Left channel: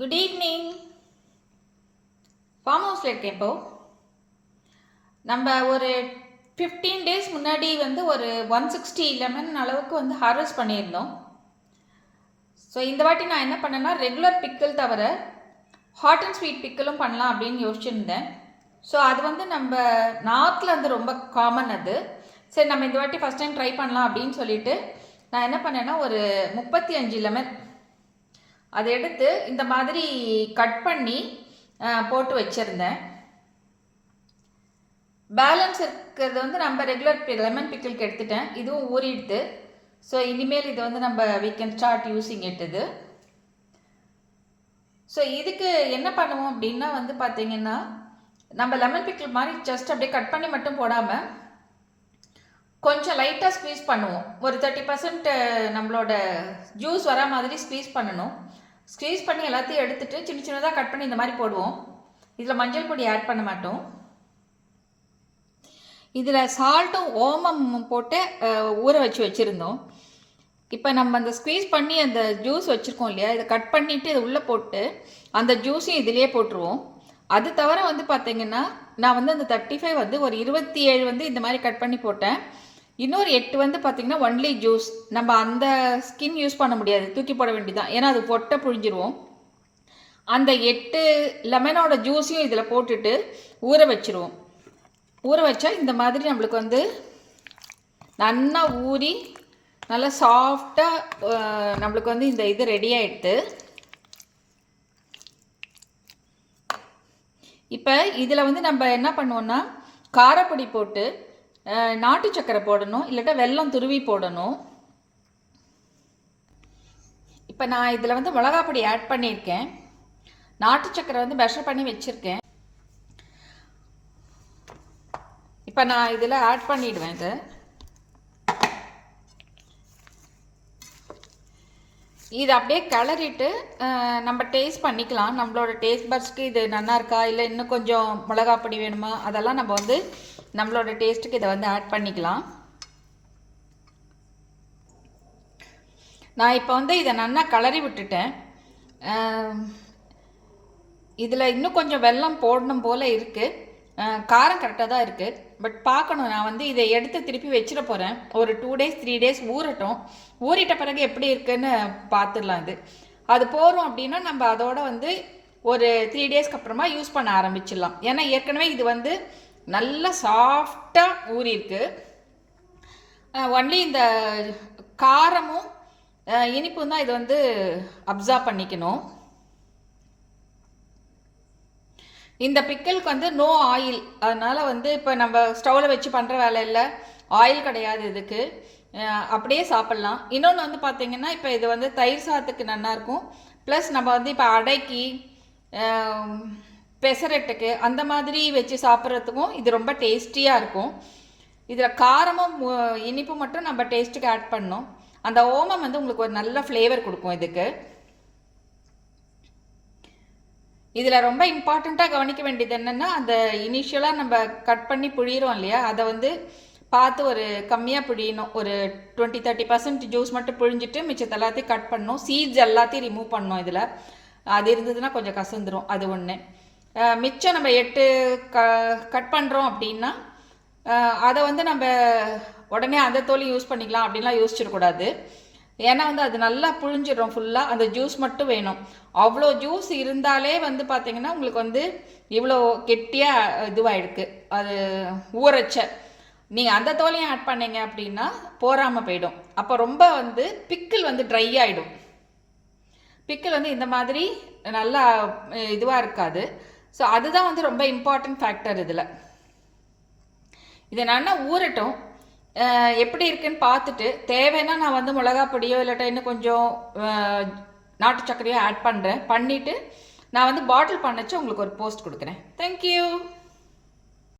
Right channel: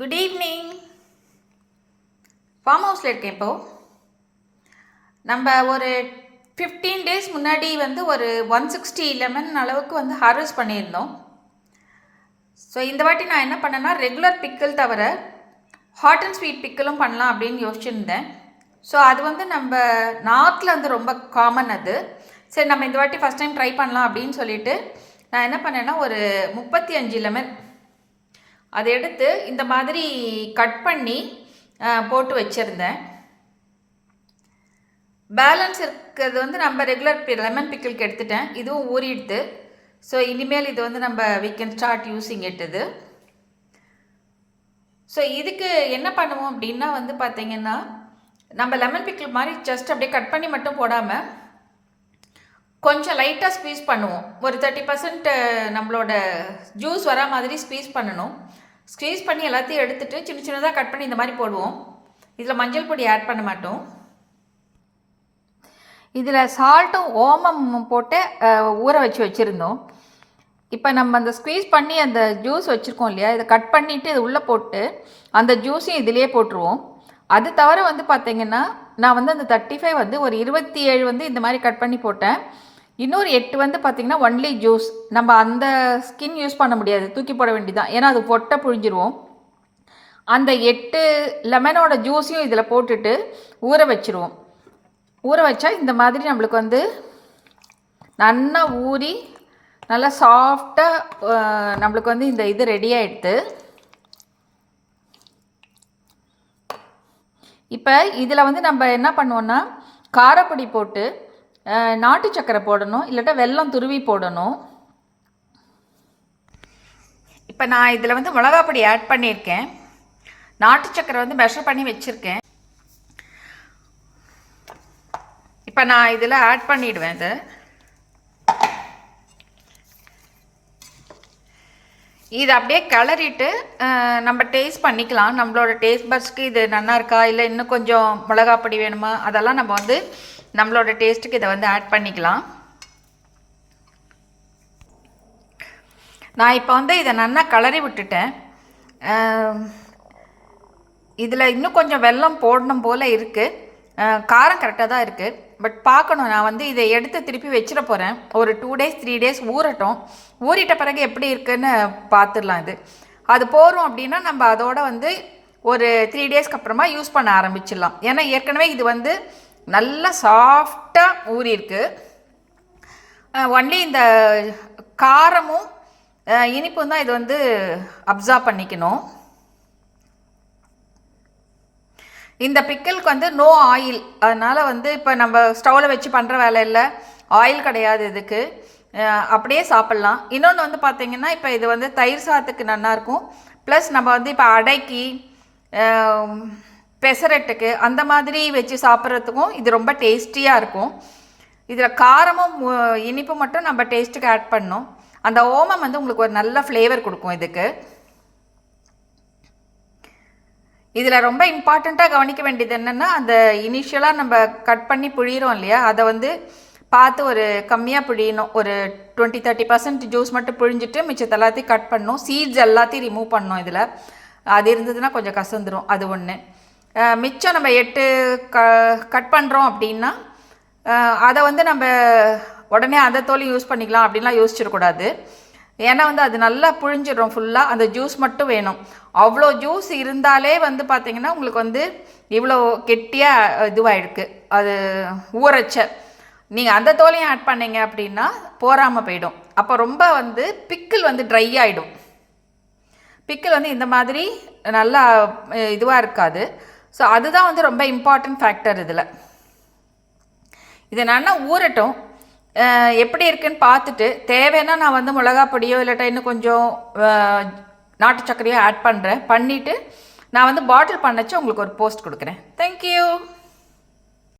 Good evening. Form ஹவுஸில் இருக்கேன். இப்போது நம்ம ஒரு 15 டேஸ் முன்னாடி வந்து ஒரு 160 லெமன் அளவுக்கு வந்து ஹார்வெஸ்ட் பண்ணியிருந்தோம். ஸோ இந்த வாட்டி நான் என்ன பண்ணேன்னா, ரெகுலர் பிக்கிள் தவிர ஹாட் அண்ட் ஸ்வீட் பிக்கிளும் பண்ணலாம் அப்படின்னு யோசிச்சுருந்தேன். ஸோ அது வந்து நம்ம நார்த்தில் வந்து ரொம்ப காமன் அது. சரி, நம்ம இந்த வாட்டி ஃபஸ்ட் டைம் ட்ரை பண்ணலாம் அப்படின்னு சொல்லிட்டு நான் என்ன பண்ணேன்னா, ஒரு 35 லெமன் அதை எடுத்து இந்த மாதிரி கட் பண்ணி போட்டு வச்சுருந்தேன். பேலன்ஸ் இருக்கிறது வந்து நம்ம ரெகுலர் லெமன் பிக்கிளுக்கு எடுத்துட்டேன். இதுவும் ஊறிடுது. ஸோ இனிமேல் இது வந்து நம்ம we can start using it இது. ஸோ இதுக்கு என்ன பண்ணுவோம் அப்படின்னா வந்து பார்த்திங்கன்னா, நம்ம லெமன் பிக்கிள் மாதிரி ஜஸ்ட் அப்படியே கட் பண்ணி மட்டும் போடாமல் கொஞ்சம் லைட்டாக ஸ்க்வீஸ் பண்ணுவோம். ஒரு 30% நம்மளோட ஜூஸ் வரா மாதிரி ஸ்க்வீஸ் பண்ணணும். ஸ்க்வீஸ் பண்ணி எல்லாத்தையும் எடுத்துகிட்டு சின்ன சின்னதாக கட் பண்ணி இந்த மாதிரி போடுவோம். இதில் மஞ்சள் பொடி ஆட் பண்ண மாட்டோம். இதில் சால்ட்டும் ஓமம் போட்டு ஊற வச்சுருந்தோம். இப்போ நம்ம அந்த ஸ்க்வீஸ் பண்ணி அந்த ஜூஸ் வச்சுருக்கோம் இல்லையா, இதை கட் பண்ணிவிட்டு இது உள்ளே போட்டு அந்த ஜூஸையும் இதிலே போட்டுருவோம். அது தவிர வந்து பார்த்திங்கன்னா, நான் வந்து அந்த 35 வந்து ஒரு 27 வந்து இந்த மாதிரி கட் பண்ணி போட்டேன். இன்னொரு 8 வந்து பார்த்திங்கன்னா ஒன்லி ஜூஸ். நம்ம அந்த ஸ்கின் யூஸ் பண்ண முடியாது, தூக்கி போட வேண்டியதான். ஏன்னா அது பொட்டை புழிஞ்சிருவோம். அந்த 8 லெமனோட ஜூஸையும் இதில் போட்டுட்டு ஊற வச்சுருவோம். ஊற வச்சா இந்த மாதிரி நம்மளுக்கு வந்து நல்லா ஊறி நல்லா சாஃப்டாக நம்மளுக்கு வந்து இந்த இது ரெடி ஆகிடுது. இப்போ இதில் வந்து நம்ம என்ன பண்ணுவோன்னா, காரப்பொடி போட்டு நாட்டு சக்கரை போடணும், இல்லாட்டா வெல்லம் துருவி போடணும். இப்போ நான் இதில் வந்து மிளகாப்பொடி ஆட் பண்ணியிருக்கேன். நாட்டு சக்கரை வந்து மெஷர் பண்ணி வச்சுருக்கேன். இப்போ நான் இதில் ஆட் பண்ணிவிடுவேன். இது அப்படியே கிளறிட்டு நம்ம டேஸ்ட் பண்ணிக்கலாம். நம்மளோட டேஸ்ட் பட்ஸ்க்கு இது நல்லா இருக்கா, இல்லை இன்னும் கொஞ்சம் மிளகாப்பொடி வேணுமா, அதெல்லாம் நம்ம வந்து நம்மளோட டேஸ்ட்டுக்கு இதை வந்து ஆட் பண்ணிக்கலாம். நான் இப்போ வந்து இதை நல்லா கிளறி விட்டுட்டேன். இதில் இன்னும் கொஞ்சம் வெல்லம் போடணும் போல் இருக்குது. காரம் கரெக்டாக தான் இருக்குது. பட் பார்க்கணும், நான் வந்து இதை எடுத்து திருப்பி வச்சிட போகிறேன். ஒரு 2 days 3 days ஊறட்டும். ஊறிட்ட பிறகு எப்படி இருக்குன்னு பார்த்துடலாம். அது போகிறோம் அப்படின்னா நம்ம அதோட வந்து ஒரு 3 daysக்கு அப்புறமா யூஸ் பண்ண ஆரம்பிச்சிடலாம். ஏன்னா ஏற்கனவே இது வந்து நல்லா சாஃப்டாக ஊறியிருக்கு. ஒன்லி இந்த காரமும் இனிப்பும் தான் இது வந்து அப்சார்ப் பண்ணிக்கணும். இந்த பிக்கிளுக்கு வந்து நோ ஆயில், அதனால் வந்து இப்போ நம்ம ஸ்டவ்வில் வச்சு பண்ணுற வேலை இல்லை, ஆயில் கிடையாது இதுக்கு, அப்படியே சாப்பிட்லாம். இன்னொன்று வந்து பார்த்திங்கன்னா, இப்போ இது வந்து தயிர் சாதத்துக்கு நல்லாயிருக்கும். ப்ளஸ் நம்ம வந்து இப்போ அடைக்கி பெசரட்டுக்கு அந்த மாதிரி வச்சு சாப்பிட்றதுக்கும் இது ரொம்ப டேஸ்டியாக இருக்கும். இதில் காரமும் இனிப்பு மட்டும் நம்ம டேஸ்ட்டுக்கு ஆட் பண்ணோம். அந்த ஓமம் வந்து உங்களுக்கு ஒரு நல்ல ஃப்ளேவர் கொடுக்கும் இதுக்கு. இதில் ரொம்ப இம்பார்ட்டண்ட்டாக கவனிக்க வேண்டியது என்னென்னா, அந்த இனிஷியலாக நம்ம கட் பண்ணி புழியிறோம் இல்லையா, அதை வந்து பார்த்து ஒரு கம்மியாக புழியணும். ஒரு 20-30% ஜூஸ் மட்டும் புழிஞ்சிட்டு மிச்சத்தை எல்லாத்தையும் கட் பண்ணணும். சீட்ஸ் எல்லாத்தையும் ரிமூவ் பண்ணணும். இதில் அது இருந்ததுன்னா கொஞ்சம் கசந்துடும். அது ஒன்று. மிச்சம் நம்ம 8 கட் பண்ணுறோம் அப்படின்னா அதை வந்து நம்ம உடனே அந்த தோலையும் யூஸ் பண்ணிக்கலாம் அப்படின்லாம் யோசிச்சிடக்கூடாது. ஏன்னா வந்து அது நல்லா புழிஞ்சிடும் ஃபுல்லாக. அந்த ஜூஸ் மட்டும் வேணும். அவ்வளோ ஜூஸ் இருந்தாலே வந்து பார்த்திங்கன்னா உங்களுக்கு வந்து இவ்வளோ கெட்டியாக இதுவாகிருக்கு. அது ஊறச்ச நீங்கள் அந்த தோலையும் ஆட் பண்ணிங்க அப்படின்னா போராமல் போயிடும். அப்போ ரொம்ப வந்து பிக்கிள் வந்து ட்ரை ஆகிடும். பிக்கிள் வந்து இந்த மாதிரி நல்லா இதுவாக இருக்காது. ஸோ அதுதான் வந்து ரொம்ப இம்பார்ட்டன்ட் ஃபேக்டர் இதில். இது நல்லா ஊறட்டும். எப்படி இருக்குன்னு பார்த்துட்டு தேவைன்னா நான் வந்து மிளகாப்பொடியோ இல்லாட்டா இன்னும் கொஞ்சம் நாட்டு சர்க்கரையோ ஆட் பண்ணுறேன். பண்ணிவிட்டு நான் வந்து பாட்டில் பண்ணச்சு உங்களுக்கு ஒரு போஸ்ட் கொடுக்குறேன். தேங்க்யூ.